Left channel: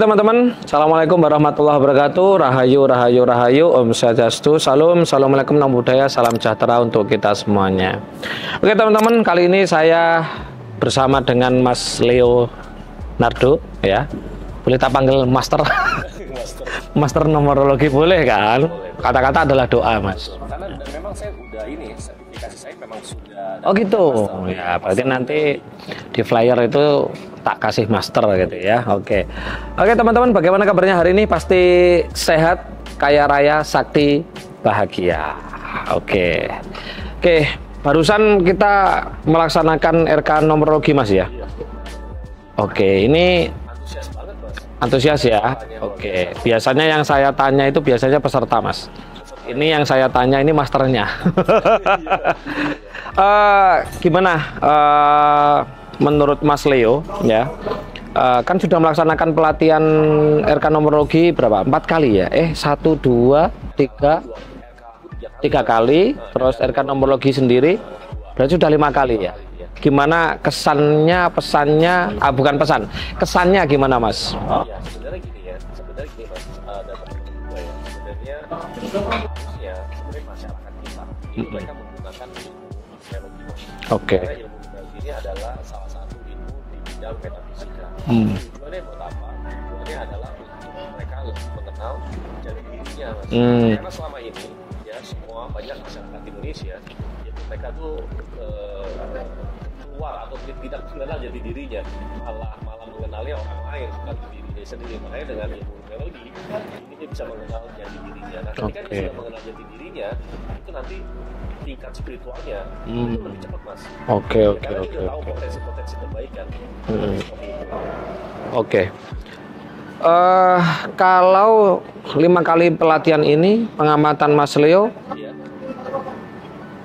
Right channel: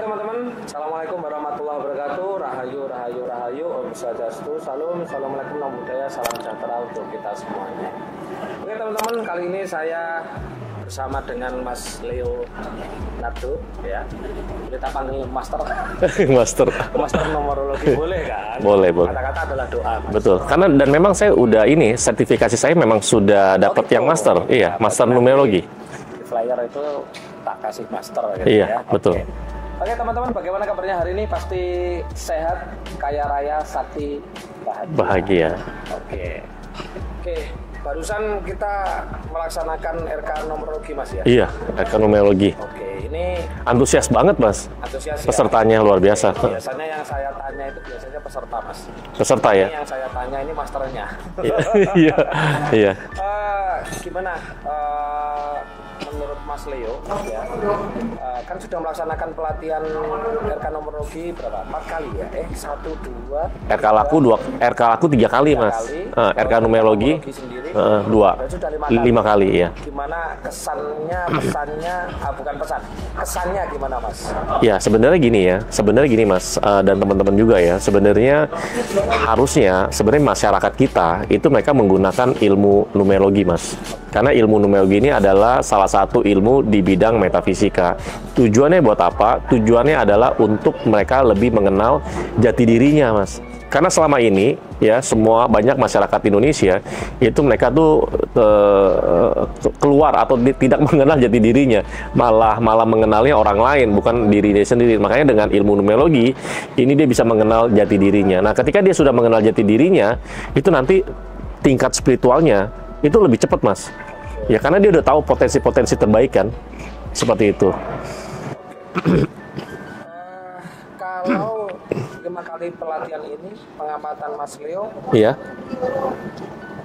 teman-teman, Assalamualaikum warahmatullahi wabarakatuh. Rahayu, rahayu, rahayu, Om Swastiastu, Salam, Assalamualaikum, Namo Buddhaya, salam sejahtera untuk kita semuanya. Oke teman-teman, kali ini saya bersama dengan Mas Leo Nardo, ya. Boleh tak panggil Master? Master numerologi boleh kan? Boleh. Kata-kata adalah doa, Mas. Betul. Karena dan memang saya udah sertifikasi saya memang sudah dapat gitu. yang Master. Iya, Master numerologi. Di flyer itu tak kasih Master gitu ya. Betul. Oke teman-teman, bagaimana kabarnya hari ini? Pasti sehat, kaya raya, sakti, bahagia. Oke. Barusan kita melaksanakan RK numerologi, Mas, ya? Iya, RK numerologi. Oke, ini antusias banget, Mas. Antusias ya. Pesertanya luar biasa. Biasanya yang saya tanya itu biasanya peserta, Mas. Peserta ini ya. Yang saya tanya ini masternya. Iya. Gimana? Menurut Mas Leo, ya, kan sudah melaksanakan pelatihan RK numerologi berapa? 4 kali ya? 1, 2, 3. RK laku 3 kali, 3 Mas. kali. Terus RK numerologi sendiri 2. Berarti sudah 5 kali. 5 kali, ya. Gimana kesannya, pesannya? Bukan pesan. Kesannya gimana, Mas? Ya, sebenarnya gini, Mas, dan teman-teman juga ya. Sebenarnya masyarakat kita itu mereka menggunakan ilmu numerologi, Mas. Karena ilmu numerologi ini adalah salah satu ilmu di bidang metafisika. Tujuannya buat apa? Tujuannya adalah untuk mereka lebih mengenal jati dirinya, Mas. Karena selama ini ya banyak masyarakat Indonesia itu mereka tuh keluar atau tidak mengenal jati dirinya, malah mengenalnya orang lain, bukan dirinya sendiri. Makanya dengan ilmu numerologi ini dia bisa mengenal jati dirinya. Nah, ketika dia sudah mengenal jati dirinya, itu nanti tingkat spiritualnya itu lebih cepat, Mas. Ya karena dia udah tahu potensi-potensi terbaik kan. Seperti itu. Kalau 5 kali pelatihan ini, pengamatan Mas Leo, iya,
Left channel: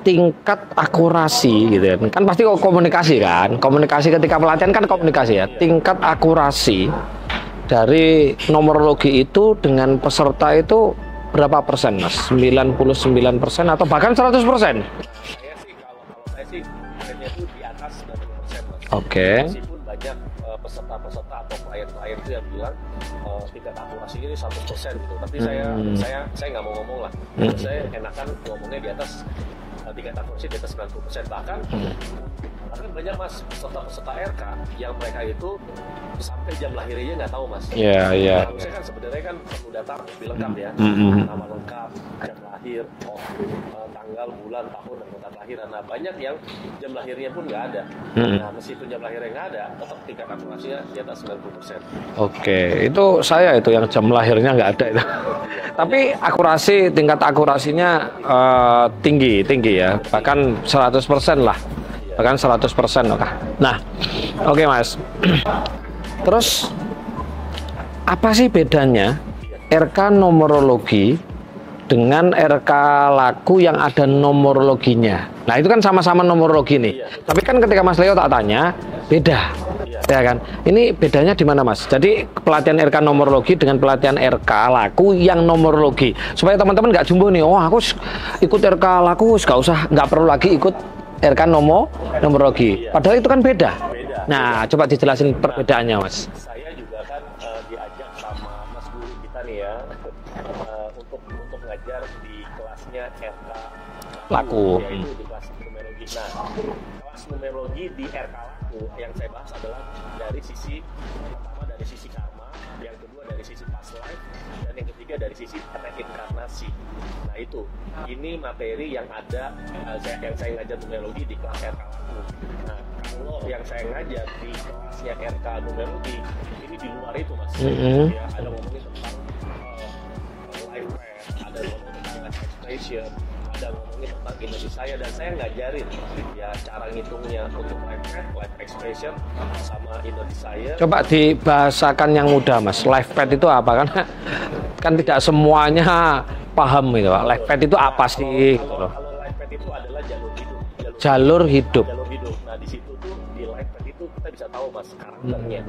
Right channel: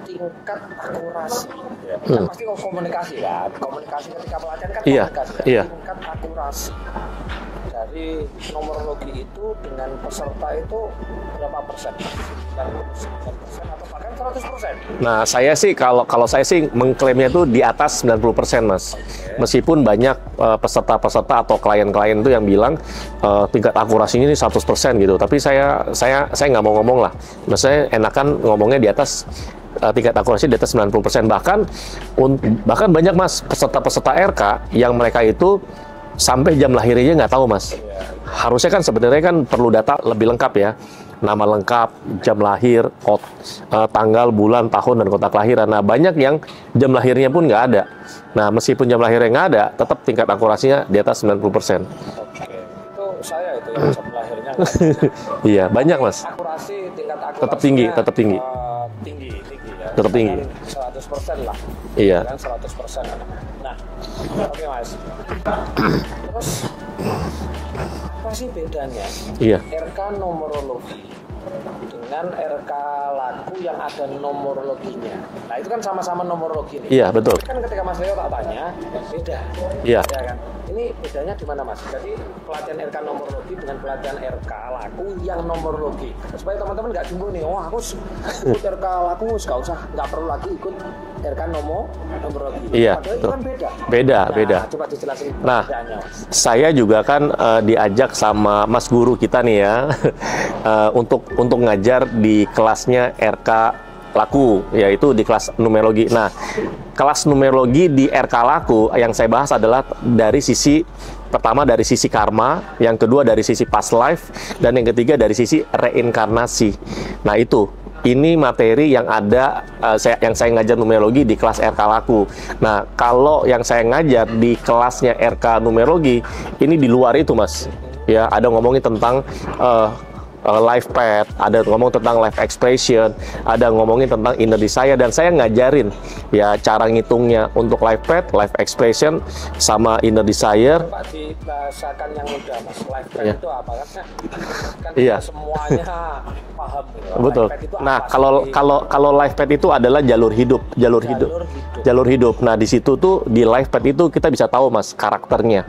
tingkat akurasi gitu ya. Kan pasti komunikasi kan. Komunikasi ketika pelatihan kan komunikasi ya. Tingkat akurasi dari numerologi itu dengan peserta itu berapa persen, Mas? 99% atau bahkan 100%? Nah, saya sih kalau saya sih mengklaimnya itu di atas 90%, Mas. Meskipun banyak peserta-peserta atau klien-klien itu yang bilang tingkat akurasinya ini 100% gitu. Tapi saya nggak mau ngomong lah. Maksudnya enakan ngomongnya di atas tingkat akurasi di atas 90%. Bahkan banyak, Mas, peserta-peserta RK yang mereka itu sampai jam lahirnya nggak tahu, Mas. Harusnya kan sebenarnya kan perlu data lebih lengkap ya. Nama lengkap, jam lahir, tanggal, bulan, tahun, dan kota kelahiran. Nah, banyak yang jam lahirnya pun nggak ada. Nah, meskipun jam lahirnya nggak ada, tetap tingkat akurasinya di atas 90%. Itu saya itu yang jam lahirnya nggak ada. Iya, banyak, tapi Mas. tingkat akurasinya tetap tinggi ya. Bahkan 100% lah. Iya. Bahkan 100%. Nah, Mas. Terus apa sih bedanya RK numerologi dengan RK laku yang ada numerologinya? Nah, itu kan sama-sama numerologi nih. Iya, betul. Tapi kan ketika Mas Leo tak tanya, beda. Iya. Ya kan? Ini bedanya di mana, Mas? Jadi pelatihan RK numerologi dengan pelatihan RK laku yang numerologi. Supaya teman-teman nggak jumbo nih, aku ikut RK laku, nggak perlu lagi ikut RK numerologi. Padahal itu kan beda. Nah, coba dijelasin perbedaannya, Mas. Saya juga kan diajak sama Mas Guru kita nih ya untuk ngajar di kelasnya RK laku, yaitu di kelas numerologi. Nah, kelas numerologi di RK laku yang saya bahas adalah dari sisi pertama dari sisi karma, yang kedua dari sisi past life, dan yang ketiga dari sisi reinkarnasi. Nah, ini materi yang ada yang saya ngajar numerologi di kelas RK laku. Nah, kalau yang saya ngajar di kelasnya RK numerologi ini di luar itu, Mas. Ya, ada ngomongin tentang life path, ada ngomong tentang life expression, ada ngomongin tentang inner desire, dan saya ngajarin ya cara ngitungnya untuk life path, life expression, sama inner desire. Coba dibahasakan yang mudah, Mas. Life path itu apa? Kan tidak semuanya paham gitu. Life path itu apa sih? Kalau life path itu adalah jalur hidup. Nah, di situ tuh di life path itu kita bisa tahu, Mas, karakternya.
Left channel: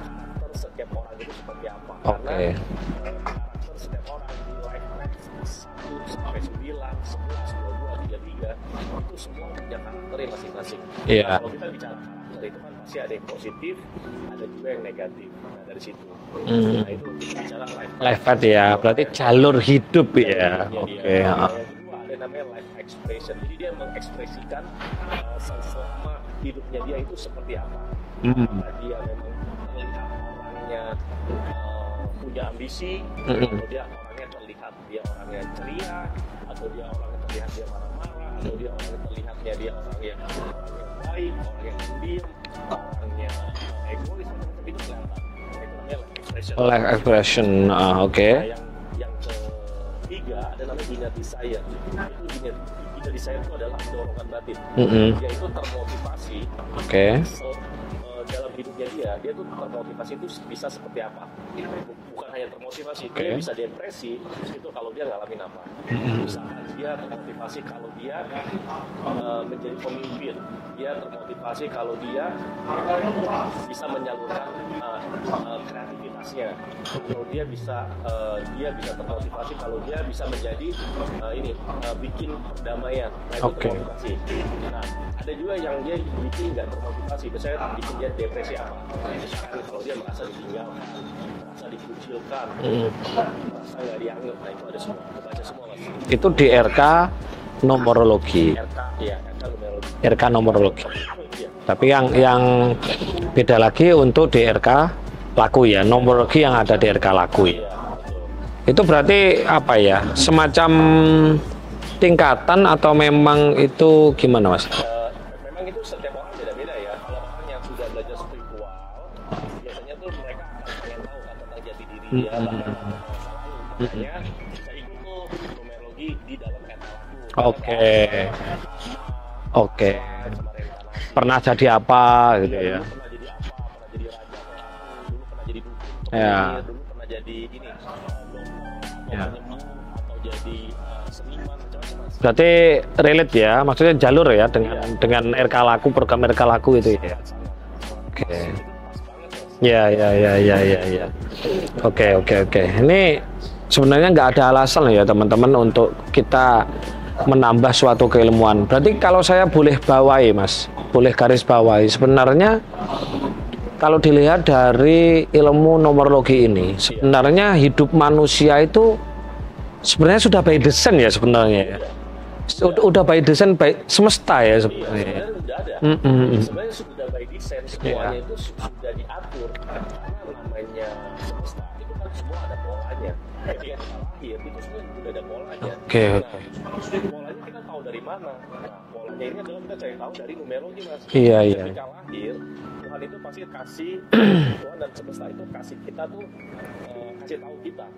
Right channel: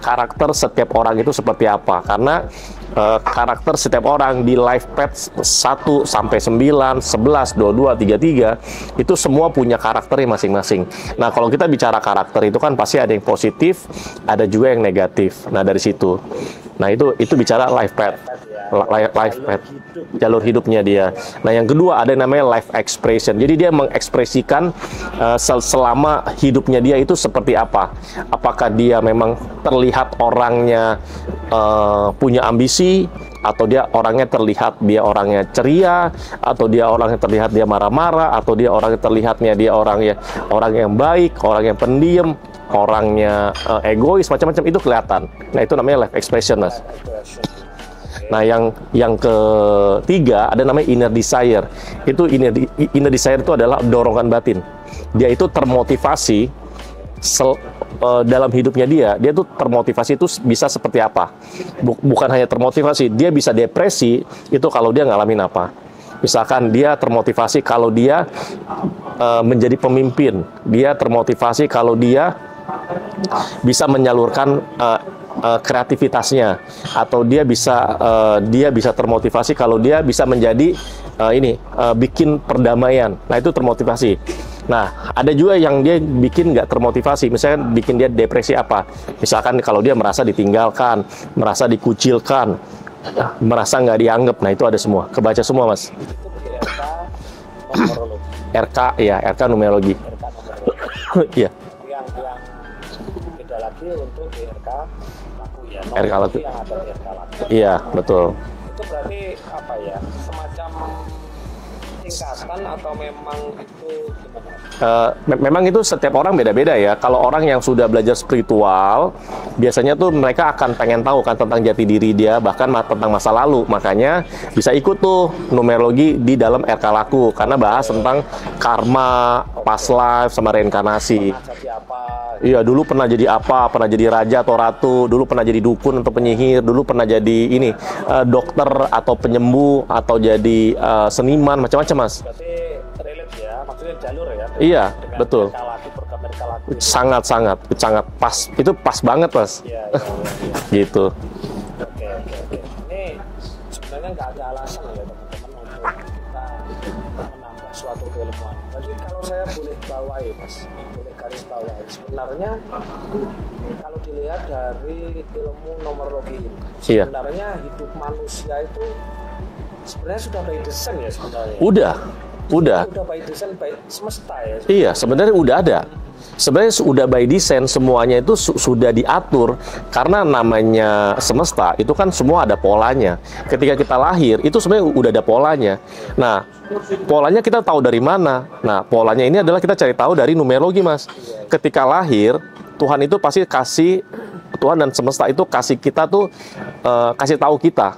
Karakter setiap orang itu seperti apa. Karena karakter setiap orang di life path 1 sampai 9, 11, 22, 33 itu semua punya karakternya masing-masing. Nah, kalau kita bicara karakter itu kan pasti ada yang positif, ada juga yang negatif. Nah, dari situ. Nah, itu bicara life path. Life path ya. Jalur hidup ya. Jalur hidupnya dia. Nah, yang kedua ada yang namanya life expression. Jadi dia mengekspresikan selama hidupnya dia itu seperti apa. Apakah dia memang terlihat orangnya punya ambisi, atau dia orangnya terlihat dia orangnya ceria, atau dia orangnya terlihat dia marah-marah, atau dia orangnya terlihatnya dia orang yang baik, orang yang pendiam, orangnya egois, macam-macam itu kelihatan. Nah, itu namanya life expression. Life expression, oke. Nah, yang ketiga ada namanya inner desire. Itu inner desire itu adalah dorongan batin. Dia itu termotivasi. Dalam hidupnya dia tuh termotivasi itu bisa seperti apa? Bukan hanya termotivasi, dia bisa depresi itu kalau dia ngalamin apa. Misalkan dia termotivasi kalau dia menjadi pemimpin, dia termotivasi kalau dia bisa menyalurkan kreativitasnya, atau dia bisa termotivasi kalau dia bisa menjadi bikin perdamaian. Nah, itu termotivasi. Nah, ada juga yang dia bikin nggak termotivasi, misalnya bikin dia depresi apa? Misalkan kalau dia merasa ditinggalkan, merasa dikucilkan, merasa nggak dianggap. Nah, itu ada semua, kebaca semua, Mas. Itu di RK numerologi. RK numerologi. RK numerologi. Iya. Tapi yang beda lagi untuk di RK laku ya, numerologi yang ada di RK laku. Iya, betul. Itu berarti apa ya? Semacam tingkatan atau memang itu gimana, Mas? Memang itu setiap orang beda-beda ya. Kalau orang yang sudah belajar spiritual, biasanya tuh mereka akan pengen tahu kan tentang jati diri dia, bahkan tentang masa lalu. Makanya bisa ikut tuh numerologi di dalam RK Laku, karena bahas tentang karma, past life, sama reinkarnasi. Pernah jadi apa? Iya, dulu pernah jadi apa? Pernah jadi raja atau ratu, dulu pernah jadi dukun atau penyihir, dulu pernah jadi dokter atau penyembuh, atau jadi seniman, macam-macam, Mas. Berarti relate ya, maksudnya jalur ya dengan RK Laku, program RK Laku itu. Sangat pas. Itu pas banget, Mas. Iya. Gitu. Oke. Ini sebenarnya nggak ada alasan ya teman-teman untuk kita menambah suatu keilmuan. Berarti kalau saya boleh bawahi, Mas, boleh garis bawahi, sebenarnya kalau dilihat dari ilmu numerologi ini, sebenarnya hidup manusia itu sebenarnya sudah by design ya sebenarnya. Udah by design, by semesta ya sebenarnya. Iya, sebenarnya udah ada. Sebenarnya sudah by design, semuanya itu sudah diatur, karena namanya semesta itu kan semua ada polanya. Ketika kita lahir itu sebenarnya udah ada polanya. Nah, polanya kita tahu dari mana? Nah, polanya ini adalah kita cari tahu dari numerologi, Mas. Ketika lahir, Tuhan itu pasti Tuhan dan semesta itu kasih kita tuh kasih tahu kita.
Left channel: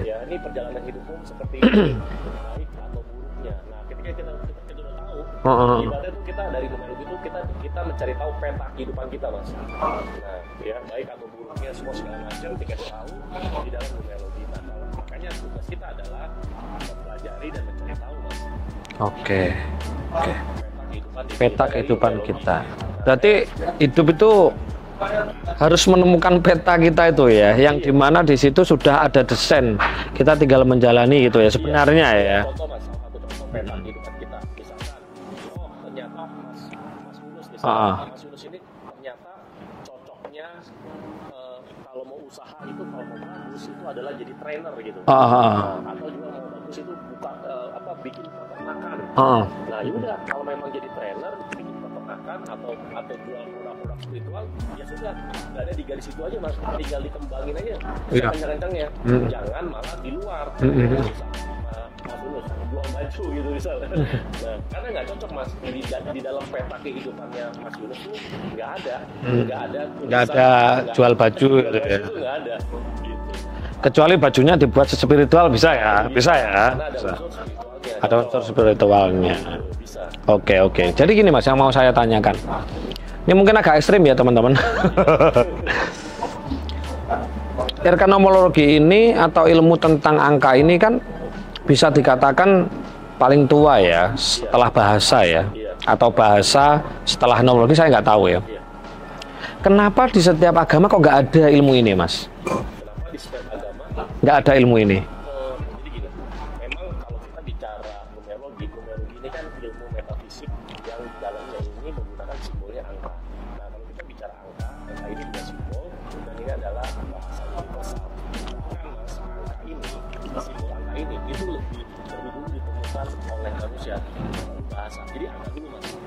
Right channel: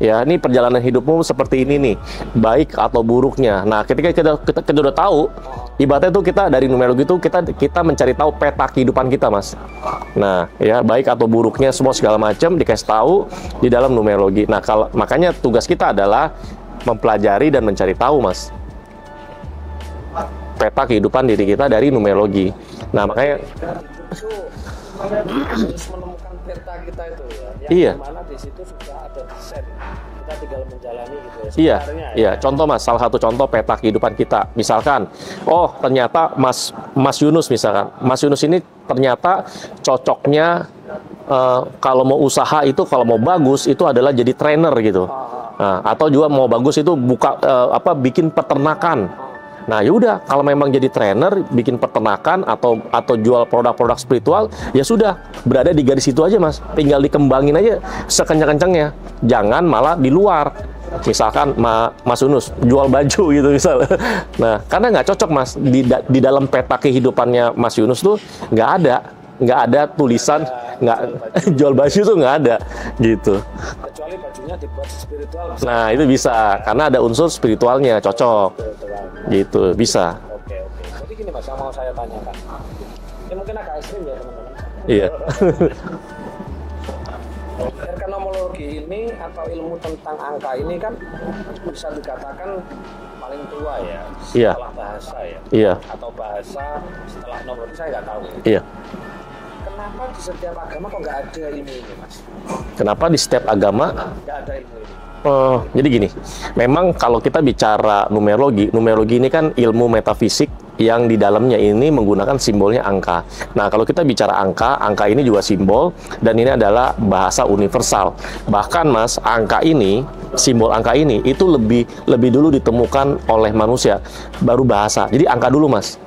Ya, ini perjalanan hidupmu seperti ini nih, baik atau buruknya. Nah, ketika kita udah tahu, ibaratnya tuh kita dari numerologi itu kita mencari tahu peta kehidupan kita, Mas. Nah, ya, baik atau buruknya semua segala macam dikasih tahu di dalam numerologi. Nah, makanya tugas kita adalah mempelajari dan mencari tahu, Mas. Peta kehidupan diri kita dari numerologi. Nah, berarti hidup itu harus menemukan peta kita itu ya, yang dimana di situ sudah ada desain, kita tinggal menjalani gitu ya sebenarnya. Contoh, Mas, salah satu contoh peta kehidupan kita, misalkan, ternyata Mas Yunus misalkan, Mas Yunus ini ternyata cocoknya kalau mau usaha itu, kalau mau bagus itu adalah jadi trainer gitu. Nah, atau juga mau bagus itu bikin peternakan. Nah, yaudah, kalau memang jadi trainer, bikin peternakan atau jual produk-produk spiritual, ya sudah, berada di garis itu aja, Mas. Tinggal dikembangin aja sekencang-kencangnya. Jangan malah di luar. Misalkan Mas Yunus jual baju gitu misalnya. Nah, karena nggak cocok, Mas, di dalam peta kehidupannya Mas Yunus tuh nggak ada tulisan, jual baju tuh nggak ada gitu. Kecuali bajunya dibuat spiritual bisa. Nah, itu bisa karena ada unsur spiritualnya, cocok. Unsur spiritualnya. Gitu, bisa. Oke. Jadi gini, Mas, yang mau saya tanyakan. Ini mungkin agak ekstrim ya, teman-teman. RK numerologi ini atau ilmu tentang angka ini kan bisa dikatakan paling tua ya, setelah bahasa ya. Atau bahasa setelah numerologi saya nggak tahu ya. kenapa di setiap agama kok nggak ada ilmu ini, Mas? Kenapa di setiap agama Nggak ada ilmu ini? jadi gini, memang kalau kita bicara numerologi ini kan ilmu metafisik yang di dalamnya ini menggunakan simbolnya angka. Nah, kalau kita bicara angka ini juga simbol dan ini adalah bahasa universal. Bahkan Mas, simbol angka ini itu lebih dulu ditemukan oleh manusia, baru bahasa. Jadi angka dulu, Mas.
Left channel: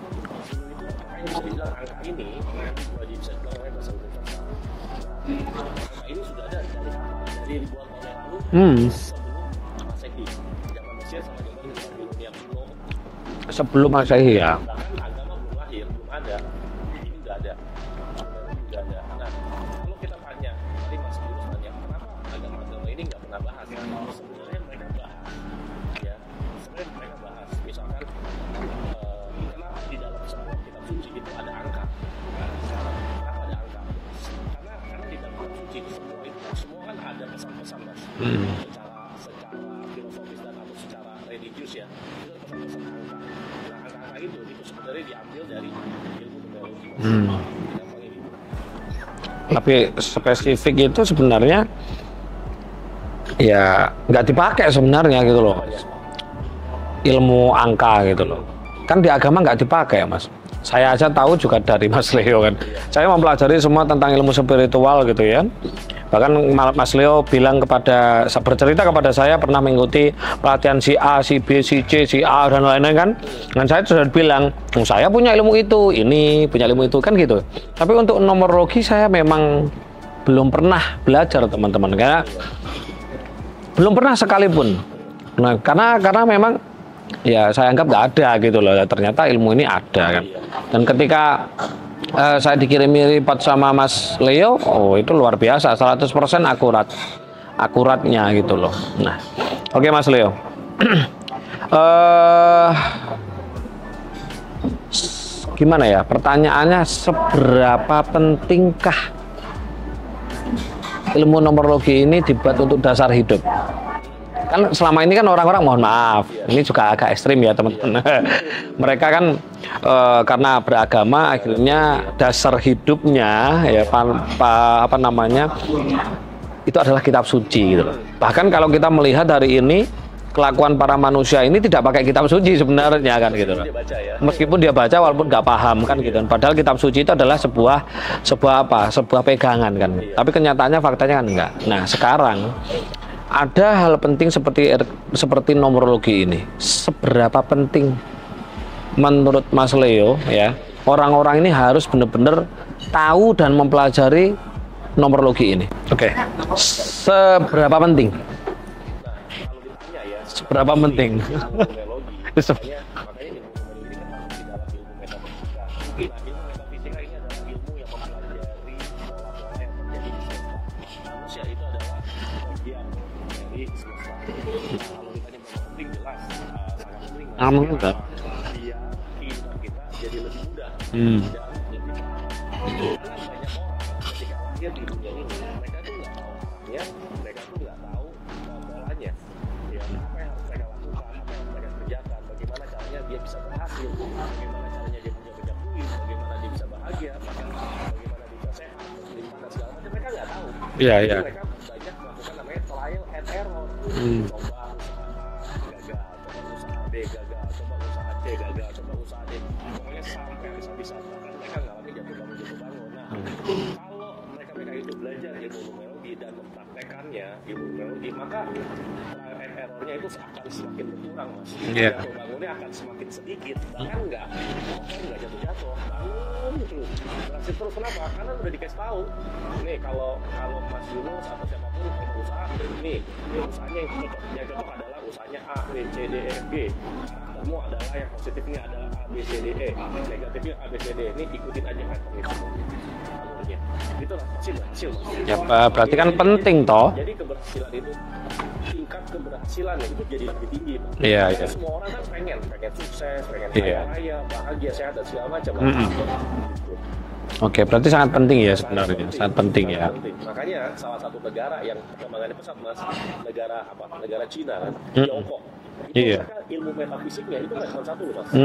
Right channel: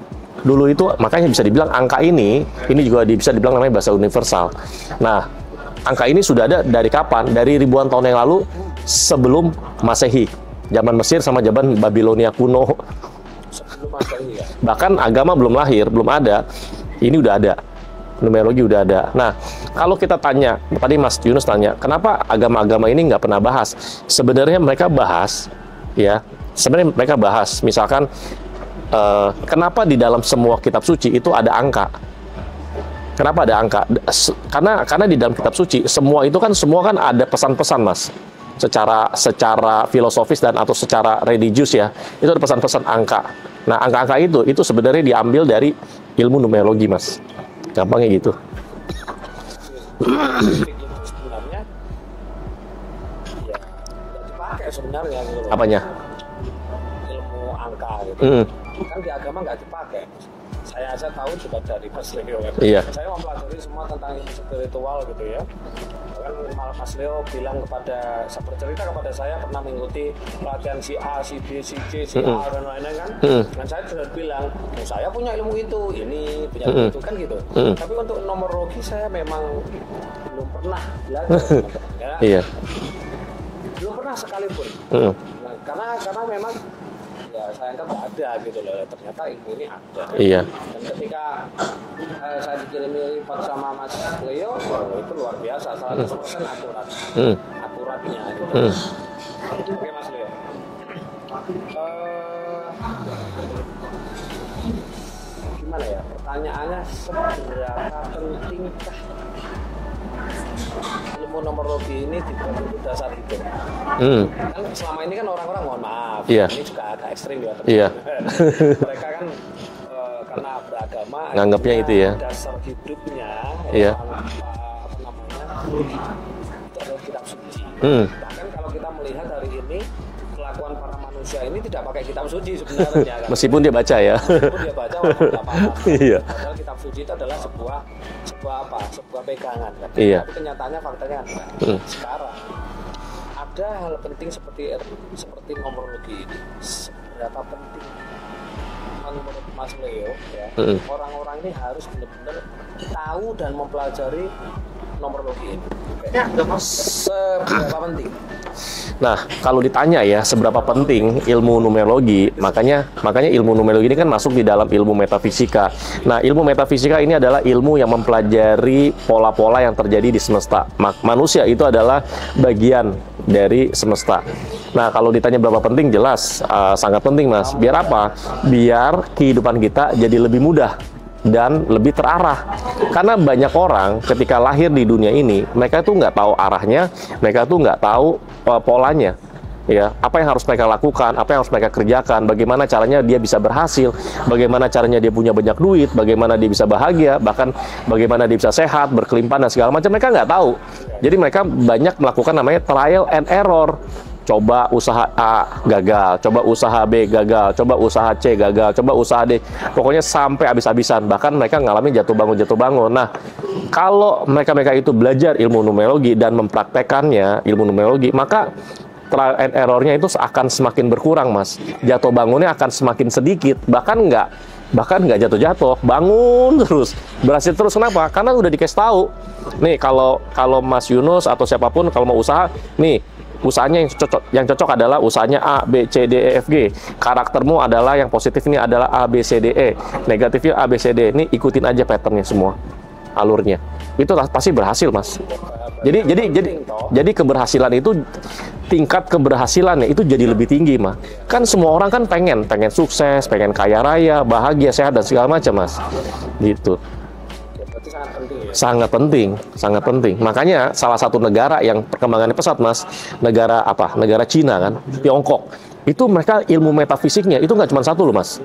Dulu itu makanya bisa dibilang angka ini juga bisa dibilang namanya bahasa universal. Nah, angka ini sudah ada dari kapan? Dari ribuan tahun yang lalu sebelum Masehi. Zaman Mesir sama zaman Babilonia kuno. Sebelum Masehi ya. Bahkan agama belum lahir, belum ada. Ini udah ada. Numerologi udah ada. Nah, kalau kita tanya, tadi Mas Yunus tanya, kenapa agama-agama ini nggak pernah bahas? Sebenarnya mereka bahas, ya. Sebenarnya mereka bahas. Misalkan, kenapa di dalam semua kitab suci itu ada angka? Kenapa ada angka? Karena di dalam kitab suci semua kan ada pesan-pesan, Mas. Secara filosofis dan atau secara religius ya. Itu ada pesan-pesan angka. Nah, angka-angka itu sebenarnya diambil dari ilmu numerologi, Mas. Gampangnya gitu. Tapi spesifik itu sebenarnya ya nggak dipakai sebenarnya gitu loh. Apanya? Ilmu angka gitu. Kan di agama nggak dipakai, Mas. Saya aja tahu juga dari Mas Leo kan. Iya. Saya mempelajari semua tentang ilmu spiritual gitu ya. Bahkan Mas Leo bercerita kepada saya pernah mengikuti pelatihan si A, si B, si C, si A dan lain-lain kan. Dan saya sudah bilang, saya punya ilmu itu, ini punya ilmu itu kan gitu. Tapi untuk numerologi saya memang belum pernah belajar teman-teman karena belum pernah sekalipun. Nah, karena memang ya saya anggap nggak ada gitu loh. Ternyata ilmu ini ada kan. Dan ketika saya dikirimi report sama Mas Leo, itu luar biasa, 100% akurat. Akuratnya gitu loh. Nah, oke Mas Leo. Gimana ya? Pertanyaannya, seberapa pentingkah ilmu numerologi ini dibuat untuk dasar hidup? Kan selama ini kan orang-orang, mohon maaf, ini juga agak ekstrim ya teman-teman. Mereka kan karena beragama akhirnya dasar hidupnya apa namanya itu adalah kitab suci gitu. Bahkan kalau kita melihat hari ini kelakuan para manusia ini tidak pakai kitab suci sebenarnya kan. Meskipun gitu. Dia baca ya. Meskipun dia baca walaupun nggak paham kan. Gitu. Padahal kitab suci itu adalah sebuah pegangan kan. Tapi kenyataannya faktanya kan enggak. Nah, sekarang ada hal penting seperti numerologi ini. Seberapa penting menurut Mas Leo ya, orang-orang ini harus benar-benar tahu dan mempelajari numerologi ini. Oke. Seberapa penting? Nah, kalau ditanya ya seberapa penting ilmu numerologi, makanya ilmu numerologi ini kan masuk di dalam ilmu metafisika. Nah, ilmu metafisika ini adalah ilmu yang mempelajari pola-pola yang terjadi di semesta. Manusia itu adalah bagian dari semesta. Nah, kalau ditanya berapa penting, jelas sangat penting, Mas. Biar apa? Biar kehidupan kita jadi lebih mudah dan lebih terarah. Karena banyak orang ketika lahir di dunia ini, mereka tuh nggak tahu arahnya, mereka tuh nggak tahu polanya. Ya, apa yang harus mereka lakukan, apa yang harus mereka kerjakan, bagaimana caranya dia bisa berhasil, bagaimana caranya dia punya banyak duit, bagaimana dia bisa bahagia, bahkan bagaimana dia bisa sehat, berkelimpahan dan segala macam, mereka nggak tahu. Jadi mereka banyak melakukan namanya trial and error. Coba usaha A gagal, coba usaha B gagal, coba usaha C gagal, coba usaha D, pokoknya sampai habis-habisan. Bahkan mereka ngalamin jatuh bangun. Nah, kalau mereka itu belajar ilmu numerologi dan mempraktekannya ilmu numerologi, maka trial and error-nya itu akan semakin berkurang, Mas. Jatuh bangunnya akan semakin sedikit, bahkan nggak jatuh-jatuh, bangun terus, berhasil terus. Kenapa? Karena udah dikasih tahu. Nih, kalau Mas Yunus atau siapapun kalau mau usaha, nih usahanya yang cocok adalah usahanya A, B, C, D, E, F, G. Karaktermu adalah yang positif ini adalah A, B, C, D, E. Negatifnya A, B, C, D. Ini ikutin aja patternnya semua, alurnya. Itu pasti berhasil, Mas. Jadi keberhasilan itu, tingkat keberhasilannya itu jadi lebih tinggi, Mas. Kan semua orang kan pengen sukses, pengen kaya raya, bahagia, sehat dan segala macam, Mas. Gitu. Oke, berarti sangat penting ya. Sangat penting. Makanya salah satu negara yang perkembangannya pesat, Mas, negara Cina kan, Tiongkok. Itu mereka ilmu metafisiknya itu nggak cuma satu loh, Mas.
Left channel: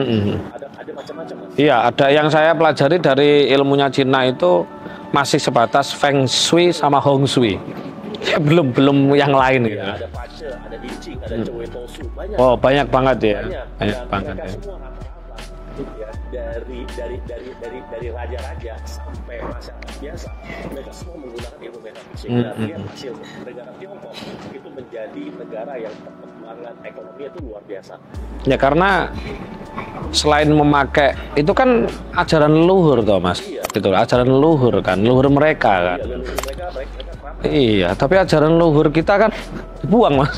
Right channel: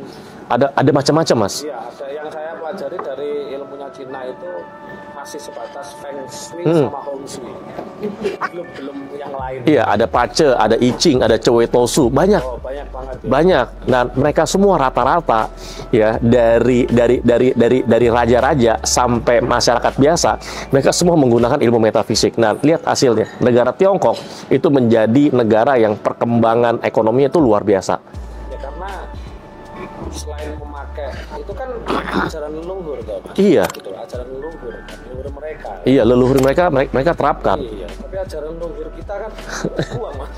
Ada macam-macam, Mas. Iya, ada yang saya pelajari dari ilmunya Cina itu masih sebatas Feng Shui sama Hong Shui. Ya, belum yang lain. Iya, ada Pace, ada I Ching, ada Choi Tosu, banyak. Oh, banyak banget ya. Banyak. Dan mereka semua rata-rata ya dari raja-raja sampai masyarakat biasa, mereka semua menggunakan ilmu metafisik. Nah, lihat hasilnya. Negara Tiongkok itu menjadi negara yang perkembangan ekonominya itu luar biasa. Ya karena selain memakai itu kan ajaran leluhur toh Mas. Iya. Gitu, ajaran leluhur kan, leluhur mereka. Kan? Iya, leluhur mereka terapkan. Iya, tapi ajaran leluhur kita kan buang Mas.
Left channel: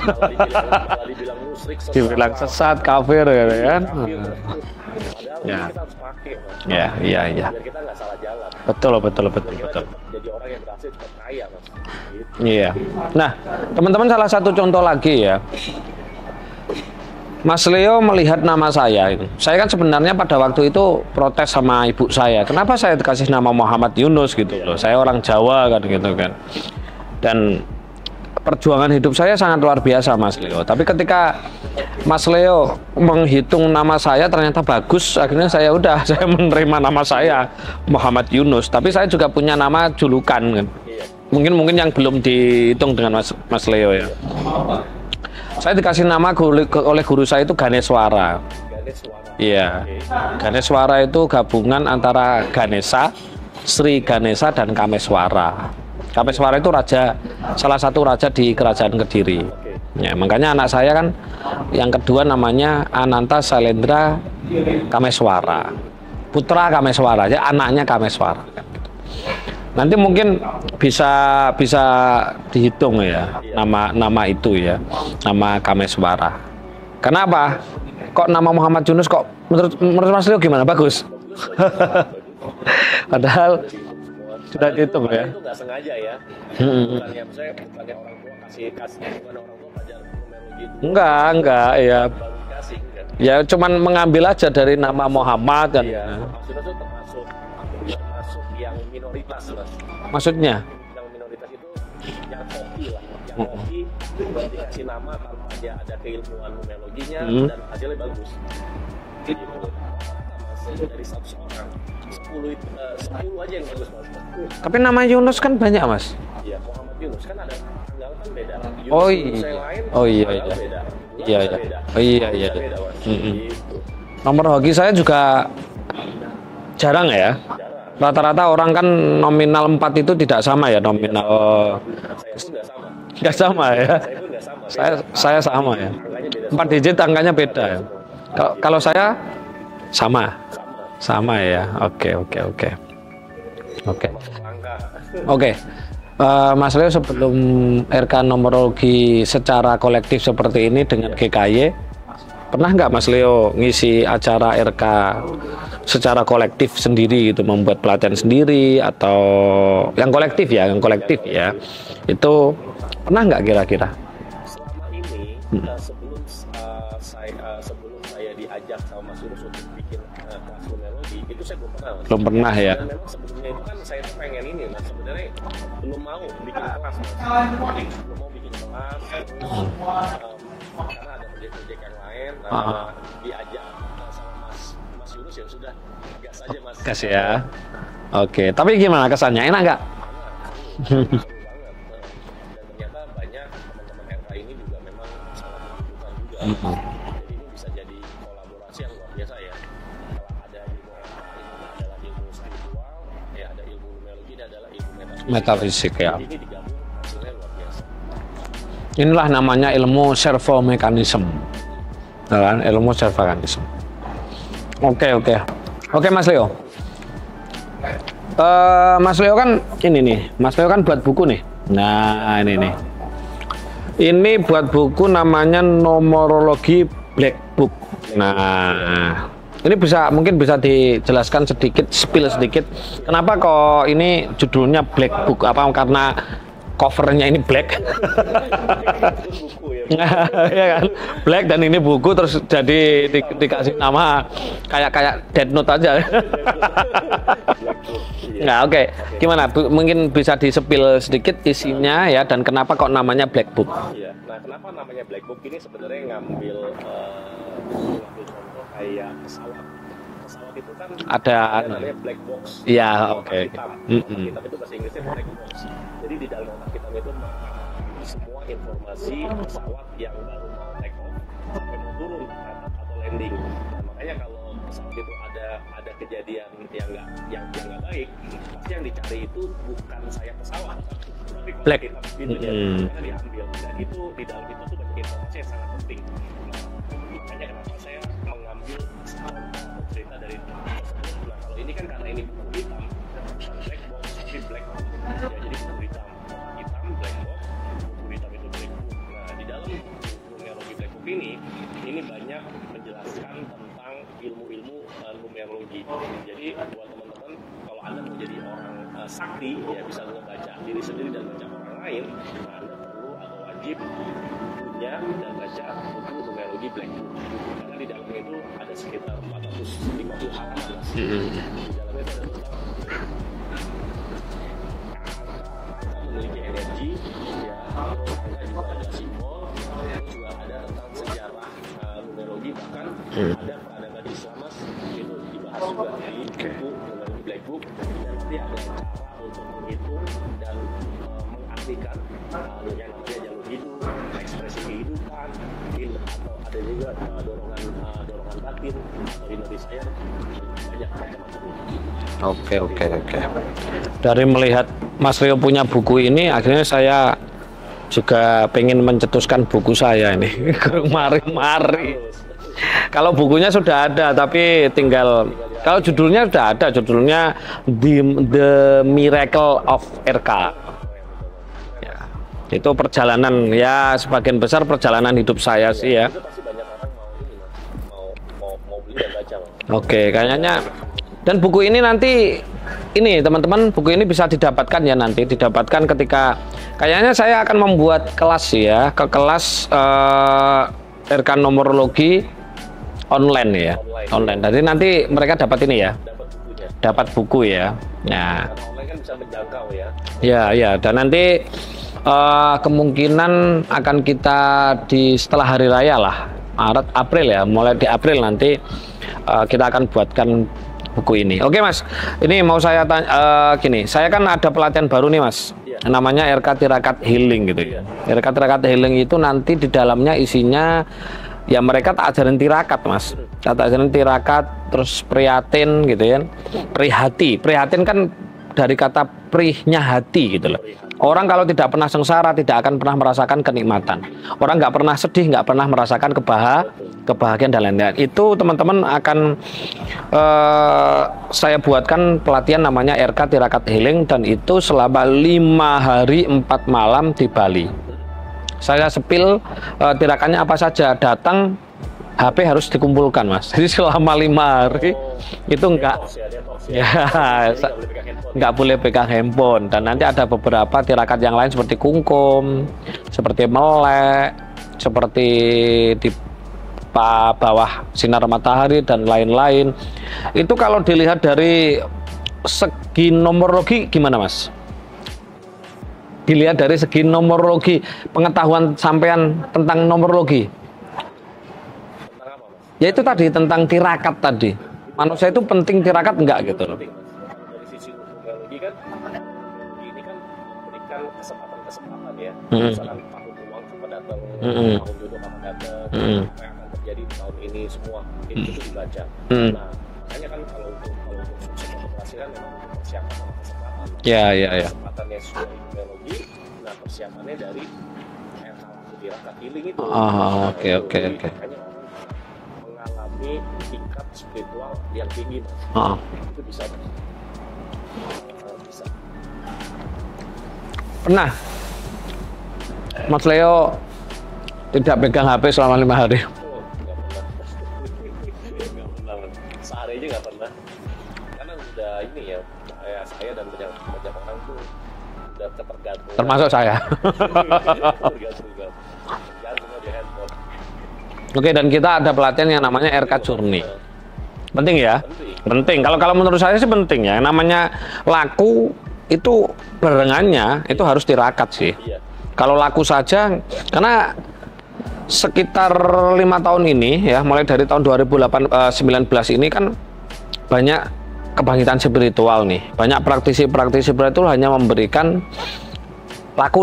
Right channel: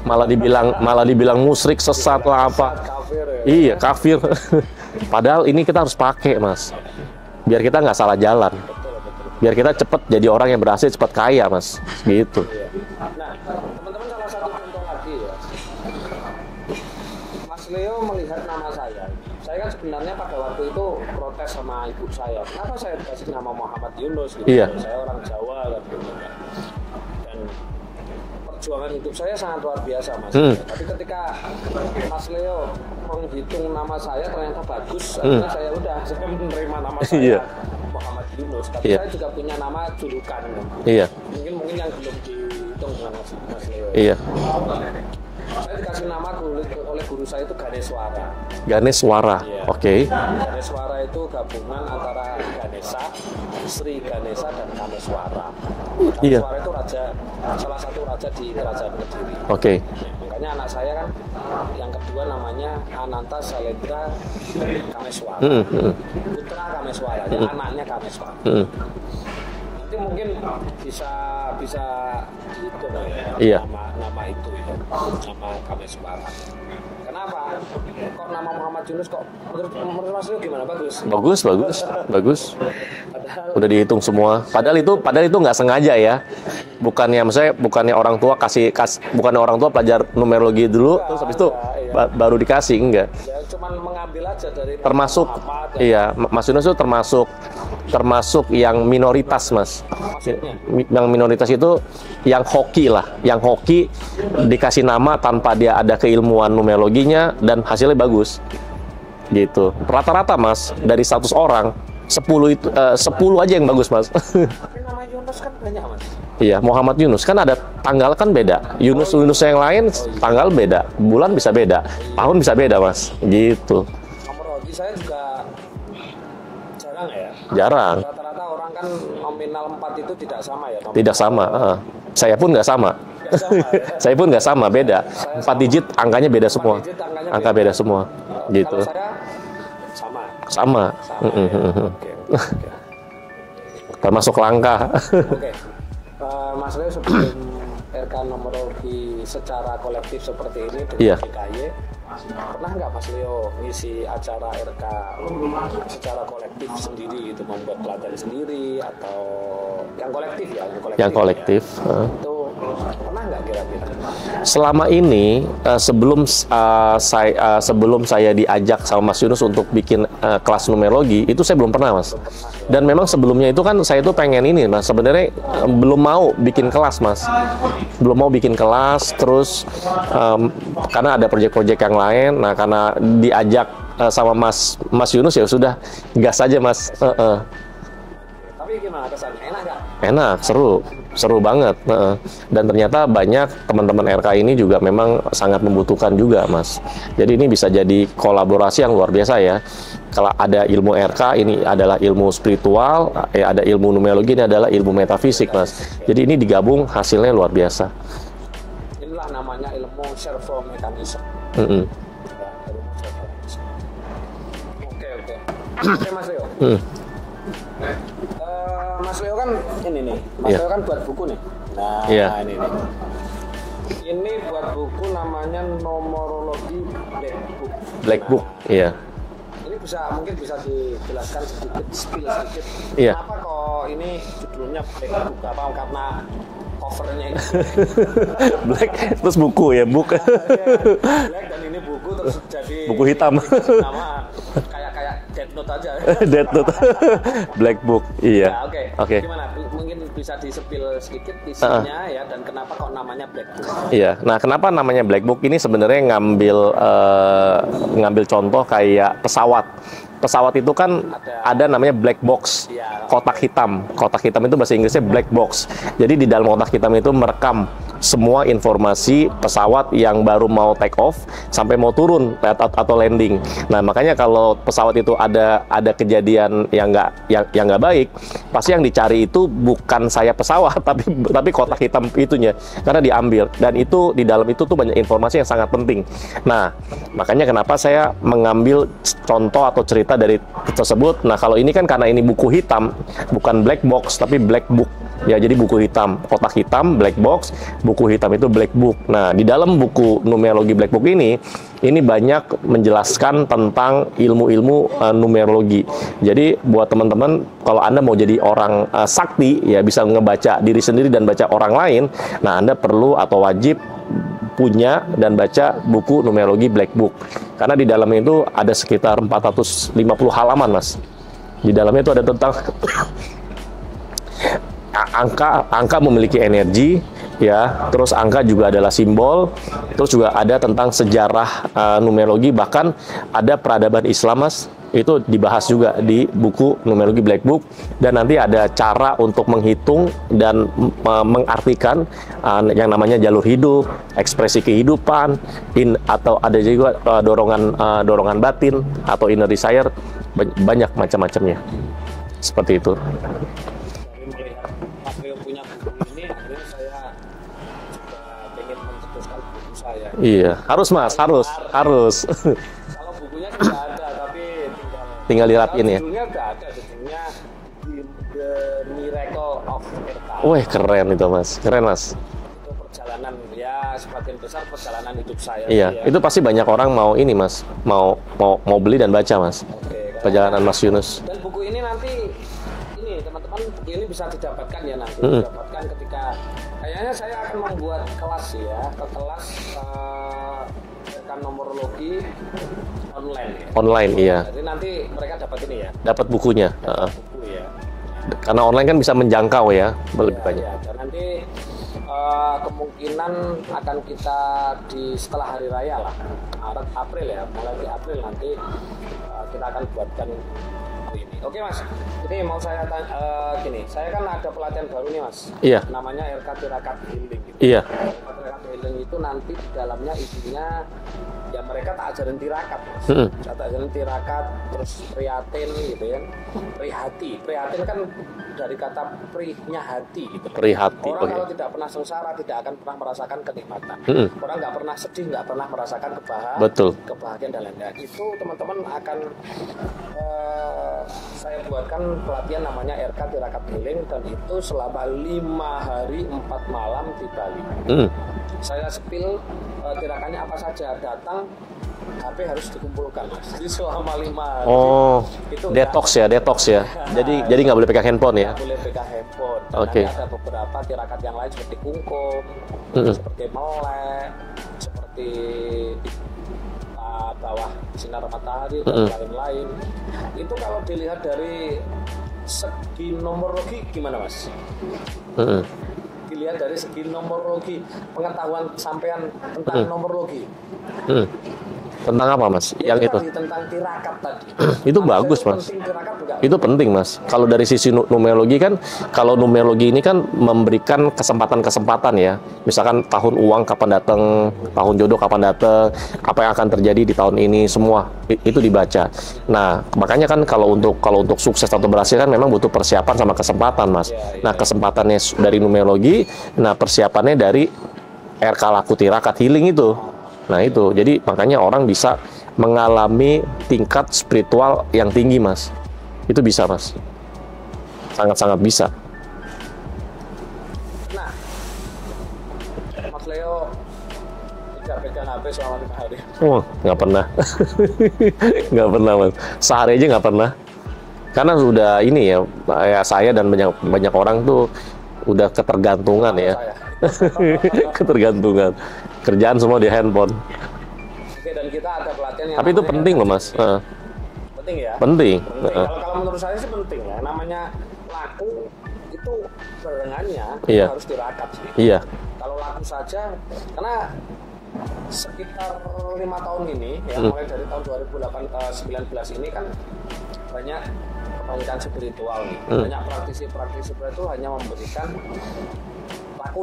malah dibilang musyrik, sesat atau apa. Sesat, kafir ya. Iya, kan? kafir. Padahal ini kita harus pakai, Mas. Iya. Biar kita nggak salah jalan. Betul. Biar kita cepet jadi orang yang berhasil, cepet kaya, Mas. Gitu. Iya. Nah, teman-teman salah satu contoh lagi ya. Mas Leo melihat nama saya itu. Saya kan sebenarnya pada waktu itu protes sama ibu saya. Kenapa saya dikasih nama Muhammad Yunus gitu loh. Saya orang Jawa kan gitu kan. Dan perjuangan hidup saya sangat luar biasa Mas Leo. Tapi ketika Mas Leo menghitung nama saya ternyata bagus, akhirnya saya menerima nama saya Muhammad Yunus. Tapi saya juga punya nama julukan kan. Iya. Mungkin yang belum dihitung dengan Mas Leo ya. Iya. Saya dikasih nama oleh guru saya itu Ganeswara. Ganeswara. Iya. Oke. Ganeswara itu gabungan antara Ganesha, Sri Ganesha dan Kameswara. Kameswara itu salah satu raja di kerajaan Kediri. Oke. Ya, makanya anak saya kan yang kedua namanya Ananta Sailendra Kameswara. Putra Kameswara, ya anaknya Kameswara. Nanti mungkin bisa dihitung ya nama itu ya, nama Kameswara. Kenapa? Kok nama Muhammad Yunus kok menurut Mas Leo gimana? Bagus. Padahal udah dihitung semua. Padahal itu nggak sengaja ya. Bukannya orang tua bukannya orang tua pelajar numerologi dulu enggak, baru dikasih enggak. Ya cuman mengambil aja dari nama Muhammad. Iya, Mas Yunus itu termasuk yang minoritas, Mas. Maksudnya? Yang minoritas itu yang hoki lah. Yang hoki dikasih nama tanpa dia ada keilmuan numerologinya dan hasilnya bagus. Gitu. Rata-rata, Mas, dari 100 orang, 10 aja yang bagus, Mas. Tapi nama Yunus kan banyak, Mas. Iya, Muhammad Yunus. Kan ada tanggal kan beda. Yunus yang lain, tanggal beda. Bulan bisa beda. Tahun bisa beda, Mas. Gitu. Nomor hoki saya juga jarang ya? Jarang. Rata-rata orang kan nominal 4 itu tidak sama ya nominal. Tidak sama. Saya pun nggak sama. Nggak sama ya? Saya pun nggak sama, beda. Saya 4 digit ya? Angkanya beda semua. 4 digit angkanya beda semua. Gitu. Kalau saya sama. Sama ya. Oke. Termasuk langka. Oke. Mas Leo sebelum RK numerologi secara kolektif seperti ini dengan GKY, pernah nggak Mas Leo ngisi acara RK secara kolektif sendiri gitu, membuat pelatihan sendiri atau yang kolektif ya, yang kolektif. Ya. Itu pernah nggak kira-kira? Selama ini sebelum saya diajak sama Mas Yunus untuk bikin kelas numerologi, itu saya belum pernah, Mas. Belum pernah ya. Dan memang sebelumnya itu kan saya tuh pengen ini, Mas. Sebenarnya belum mau bikin kelas, Mas. Belum mau bikin kelas, terus karena ada proyek-proyek yang lain. Nah, karena diajak sama Mas Yunus ya sudah gas aja, Mas. Gas ya. Oke, tapi gimana kesannya? Enak nggak? Enak, seru banget. Dan ternyata banyak teman-teman RK ini juga memang sangat membutuhkan juga, Mas. Jadi ini bisa jadi kolaborasi yang luar biasa ya. Kalau ada ilmu RK, ini adalah ilmu spiritual, ada ilmu numerologi, ini adalah ilmu metafisik, Mas. Ya. Jadi ini digabung hasilnya luar biasa. Inilah namanya ilmu servomekanisme. Kan? Ilmu servomekanisme. Oke, Mas Leo. Mas Leo kan ini nih, Mas Leo kan buat buku nih. Nah, ini nih. Ini buat buku namanya Numerologi Black Book. Ini mungkin bisa dijelaskan sedikit, spill sedikit. Kenapa kok ini judulnya Black Book? Apa karena covernya ini black, terus buku ya, ya kan? Black dan ini buku terus jadi dikasih nama kayak Death Note aja. Death Note, Black Book. Iya. Nah, oke. Gimana? Mungkin bisa disepil sedikit isinya ya, dan kenapa kok namanya Black Book? Iya. Nah, kenapa namanya Black Book ini sebenarnya ngambil contoh kayak pesawat. pesawat itu kan ada namanya black box, kotak hitam. Kotak hitam itu bahasa Inggrisnya black box. Jadi di dalam kotak hitam itu merekam semua informasi pesawat yang baru mau take off sampai mau turun atau landing. Nah, makanya kalau pesawat itu ada kejadian yang nggak baik, pasti yang dicari itu bukan sayap pesawat tapi kotak hitam itunya, karena diambil. Dan itu di dalam itu tuh banyak informasi yang sangat penting. Nah, makanya kenapa saya mengambil contoh atau cerita dari tersebut. Nah, kalau ini kan karena ini buku hitam, bukan black box tapi black book. Ya, jadi buku hitam, kotak hitam, black box, buku hitam itu black book. Nah, di dalam buku numerologi black book ini banyak menjelaskan tentang ilmu-ilmu numerologi. Jadi buat teman-teman, kalau Anda mau jadi orang sakti, ya bisa ngebaca diri sendiri dan baca orang lain. Nah, Anda perlu atau wajib punya dan baca buku numerologi black book. Karena di dalamnya itu ada sekitar 450 halaman, Mas. Di dalamnya itu ada tentang angka memiliki energi, ya. Terus angka juga adalah simbol. Terus juga ada tentang sejarah numerologi, bahkan ada peradaban Islam, Mas. Itu dibahas juga di buku numerologi black book. Dan nanti ada cara untuk menghitung dan mengartikan yang namanya jalur hidup, ekspresi kehidupan, atau ada juga dorongan batin atau inner desire, banyak macam-macamnya. Seperti itu. Dari melihat Mas Rio punya buku ini, akhirnya saya juga pengen mencetuskan buku saya ini. Iya, harus. Kalau bukunya sudah ada, tapi tinggal kalau judulnya sudah ada, judulnya The Miracle of RK. Wah, keren itu, Mas. Keren, Mas. Itu perjalanan, ya sebagian besar perjalanan hidup saya sih ya. Itu pasti banyak orang mau ini, Mas, mau beli dan baca, Mas. Oke, kayaknya Mas Yunus. Dan buku ini nanti teman-teman, buku ini bisa didapatkan ya nanti, didapatkan ketika kayaknya saya akan membuat kelas ya, kelas RK numerologi online ya. Online. Iya. Jadi nanti mereka dapat ini ya, dapat bukunya. Dapat buku ya. Nah, karena online kan bisa menjangkau ya. Iya, dan nanti kemungkinan akan kita setelah hari raya lah, Maret, April ya, mulai di April nanti kita akan buatkan buku ini. Oke, Mas, ini mau saya tanya gini, saya kan ada pelatihan baru nih, Mas. Iya. Namanya RK Tirakat Healing gitu. Iya. RK Tirakat Healing itu nanti di dalamnya isinya ya mereka tak ajarin tirakat, Mas. Tak ajarin tirakat, terus prihatin gitu ya. Prihatin kan dari kata prihnya hati gitu loh. Prihati. Orang kalau tidak pernah sengsara tidak akan pernah merasakan kenikmatan. Orang nggak pernah sedih, nggak pernah merasakan kebahagiaan dan lain-lain. Itu teman-teman akan saya buatkan pelatihan namanya RK Tirakat Healing, dan itu selama 5 hari 4 malam di Bali. Saya sepil tirakannya apa saja, datang HP harus dikumpulkan, Mas. Jadi selama 5 hari itu detox ya. Jadi nggak boleh pegang handphone ya. Nggak boleh pegang handphone. Dan nanti ada beberapa tirakat yang lain seperti kungkum, seperti melek, seperti di bawah sinar matahari dan lain-lain. Itu kalau dilihat dari segi numerologi gimana, Mas? Dilihat dari segi numerologi, pengetahuan sampean tentang numerologi. Tentang apa, Mas? Ya itu tadi tentang tirakat tadi. Itu manusia bagus, itu Mas. penting tirakat enggak? Itu gitu? penting, Mas. Kalau dari sisi numerologi kan, kalau numerologi ini kan memberikan kesempatan-kesempatan ya. Misalkan tahun uang kapan datang, tahun jodoh kapan datang, apa yang akan terjadi di tahun ini, semua itu dibaca. Nah, makanya kan kalau untuk sukses atau berhasil kan memang butuh persiapan sama kesempatan, Mas. Kesempatannya dari numerologi, nah persiapannya dari RK Laku Tirakat Healing itu. Jadi makanya orang bisa mengalami tingkat spiritual yang tinggi, Mas. Itu bisa, Mas. Sangat-sangat bisa. Pernah Mas Leo tidak pegang HP selama 5 hari? Nggak pernah. Nggak pernah, Mas. Sehari aja nggak pernah. Karena sudah ini ya saya dan banyak orang tuh udah ketergantungan. Termasuk saya. Ketergantungan. Kerjaan semua di handphone. Oke, dan kita ada pelatihan yang namanya RK Journey. Penting ya? Penting. Kalau menurut saya sih penting ya. Namanya laku itu barengannya itu harus tirakat sih. Iya. Kalau laku saja, karena sekitar 5 tahun ini ya, mulai dari tahun 2019 ini kan banyak kebangkitan spiritual nih. Banyak praktisi-praktisi spiritual hanya memberikan laku,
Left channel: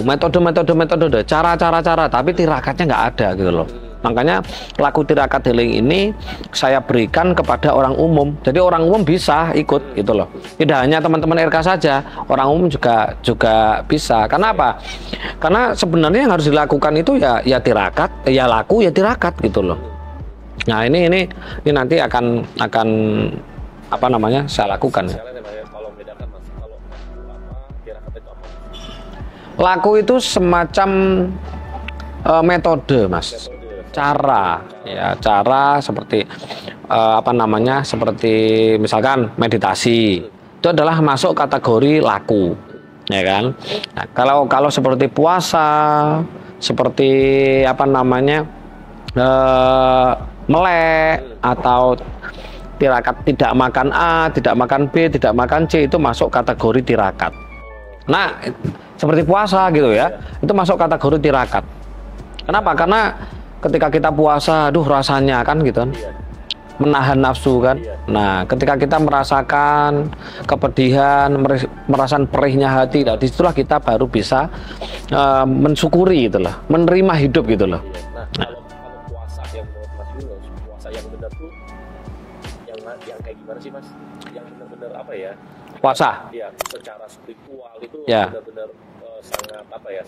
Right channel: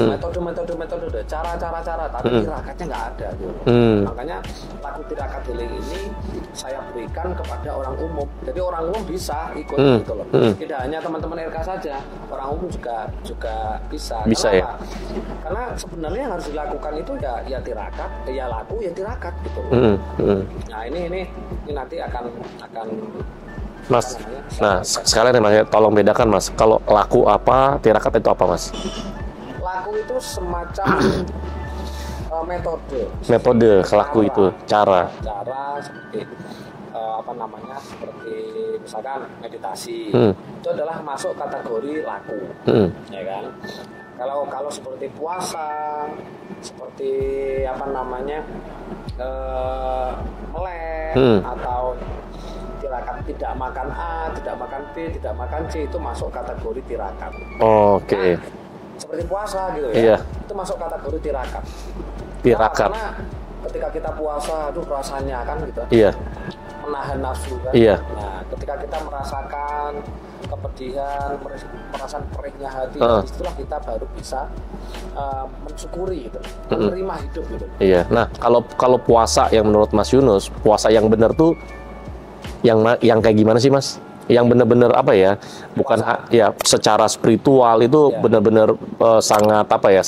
metode, cara, tapi tirakatnya nggak ada gitu loh. Makanya laku tirakat healing ini saya berikan kepada orang umum. Jadi orang umum bisa ikut gitu loh. Tidak hanya teman-teman RK saja, orang umum juga bisa. Karena apa? Karena sebenarnya yang harus dilakukan itu ya tirakat, ya laku, ya tirakat gitu loh. Nah ini nanti akan Mas, apa namanya saya lakukan. Sekalian Mas, tolong bedakan Mas. Kalau laku apa, tirakat itu apa Mas? Laku itu semacam metode Mas. Metode, cara seperti apa namanya, seperti misalkan meditasi. Itu adalah masuk kategori laku, ya kan? Nah, kalau seperti puasa, seperti apa namanya melek atau tirakat tidak makan A, tidak makan B, tidak makan C, itu masuk kategori tirakat. Okay. Nah, seperti puasa gitu ya, itu masuk kategori tirakat. Kenapa? Karena ketika kita puasa, aduh rasanya kan gitu kan, menahan nafsu kan. Nah, ketika kita merasakan kepedihan, merasakan perihnya hati, disitulah kita baru bisa mensyukuri gitu loh, menerima hidup gitu loh. Nah, kalau puasa yang menurut Mas Yunus, puasa yang benar tuh yang kayak gimana sih Mas? Yang benar-benar apa ya? Bukan puasa ya secara spiritual itu benar-benar sangat apa ya?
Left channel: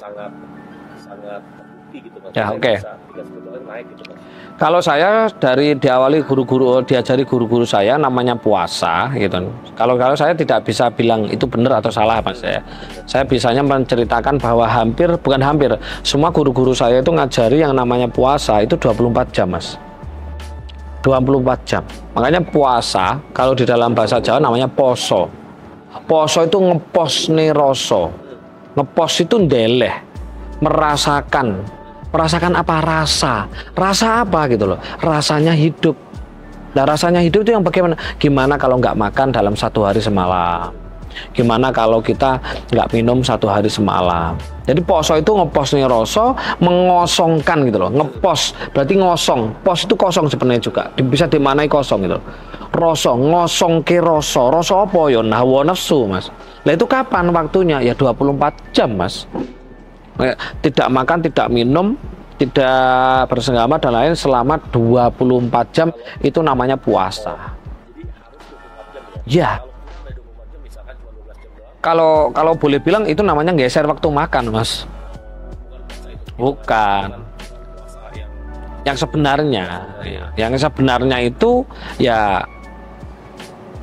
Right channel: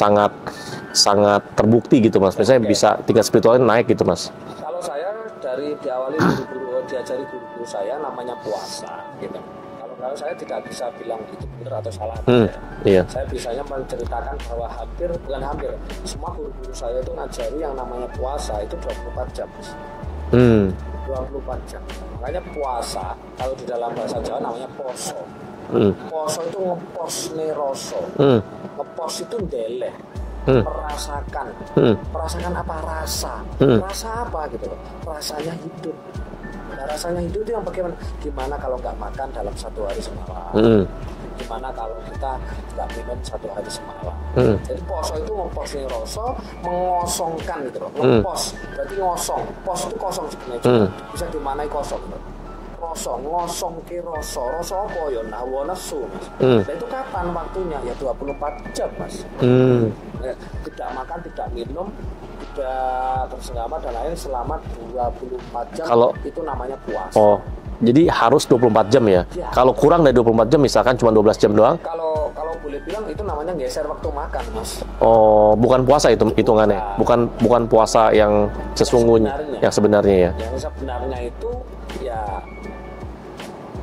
Sangat terbukti gitu Mas. Maksudnya bisa tingkat spiritualnya naik gitu Mas. Kalau saya diajari guru-guru saya namanya puasa gitu. Kalau saya tidak bisa bilang itu benar atau salah Mas ya. Saya bisanya menceritakan bahwa bukan hampir, semua guru-guru saya itu ngajari yang namanya puasa itu 24 jam Mas. 24 jam. Makanya puasa kalau di dalam bahasa Jawa namanya poso. Poso itu ngepos neroso. Ngepos itu ndeleh. Merasakan. Merasakan apa rasa? Rasa apa gitu loh. Rasanya hidup. Nah, rasanya hidup itu yang bagaimana? Gimana kalau nggak makan dalam 1 hari semalam? Gimana kalau kita nggak minum 1 hari semalam? Jadi poso itu ngepos nih rasa, mengosongkan gitu loh. Ngepos berarti ngosong. Pos itu kosong sebenarnya juga. Bisa dimanai kosong gitu. Rasa ngosong ke rasa apa ya? Hawa nafsu Mas. Nah itu kapan waktunya? Ya 24 jam Mas. Tidak makan, tidak minum, tidak bersenggama dan lain selama 24 jam. Itu namanya puasa. Jadi harus 24 jam ya? Kalau kurang dari 24 jam misalkan cuma 12 jam doang? Kalau boleh bilang itu namanya geser waktu makan Mas. Bukan puasa itu hitungannya? Bukan puasa yang sesungguhnya? Yang sebenarnya ya? Yang sebenarnya itu ya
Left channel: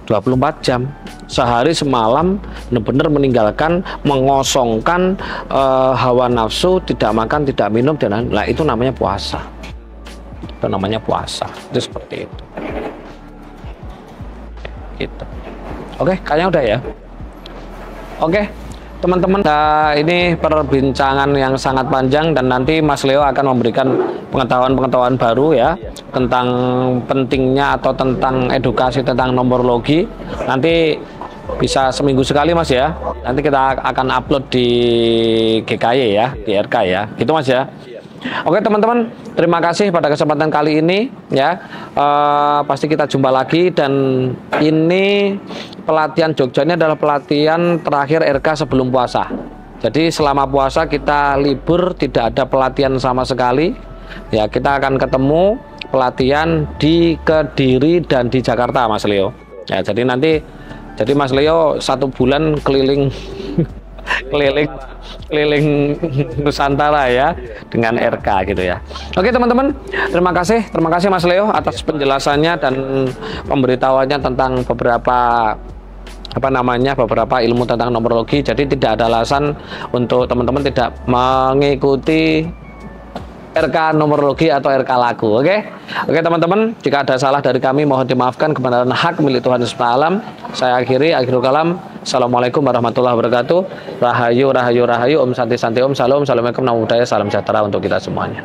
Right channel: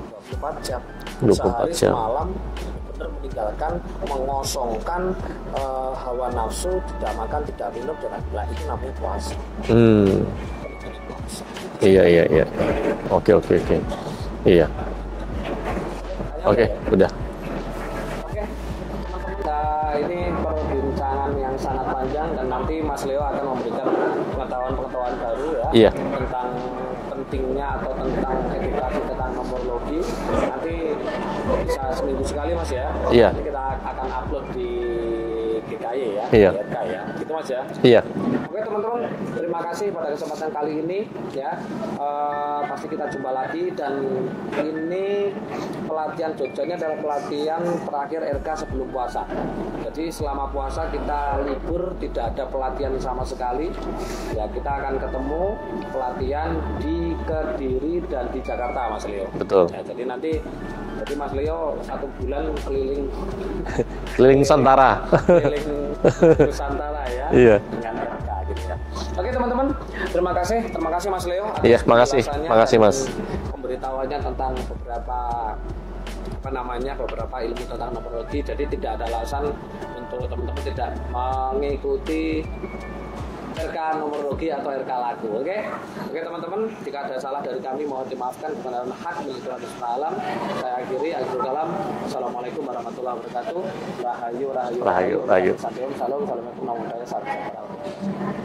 24 jam. Sehari semalam benar-benar meninggalkan, mengosongkan hawa nafsu, tidak makan, tidak minum dan lain. Nah, itu namanya puasa. Itu namanya puasa. Iya. Oke. Iya. Gitu. Oke, kayaknya udah ya? Udah. Oke. Teman-teman, ini perbincangan yang sangat panjang dan nanti Mas Leo akan memberikan pengetahuan-pengetahuan baru ya tentang pentingnya atau tentang edukasi tentang nomorologi. Nanti bisa seminggu sekali Mas ya. Nanti kita akan upload di GKY ya, di RK ya. Gitu Mas ya. Oke teman-teman, terima kasih pada kesempatan kali ini ya. Pasti kita jumpa lagi dan ini pelatihan Jogja ini adalah pelatihan terakhir RK sebelum puasa. Jadi selama puasa kita libur, tidak ada pelatihan sama sekali. Ya, kita akan ketemu pelatihan di Kediri dan di Jakarta Mas Leo. Betul. Ya, jadi Mas Leo 1 bulan keliling Nusantara. Keliling Nusantara ya dengan RK gitu ya. Oke teman-teman, terima kasih Mas Leo atas penjelasannya dan pemberitahuannya tentang beberapa ilmu tentang nomorologi. Jadi tidak ada alasan untuk teman-teman tidak mengikuti RK nomorologi atau RK laku. Oke teman-teman, jika ada salah dari kami mohon dimaafkan, kebenaran hak milik Tuhan Yesus Alam. Saya akhirul kalam. Assalamualaikum warahmatullahi wabarakatuh. Rahayu. Om Santi Santi Om. Salam. Assalamualaikum. Namo Buddhaya. Salam sejahtera untuk kita semuanya.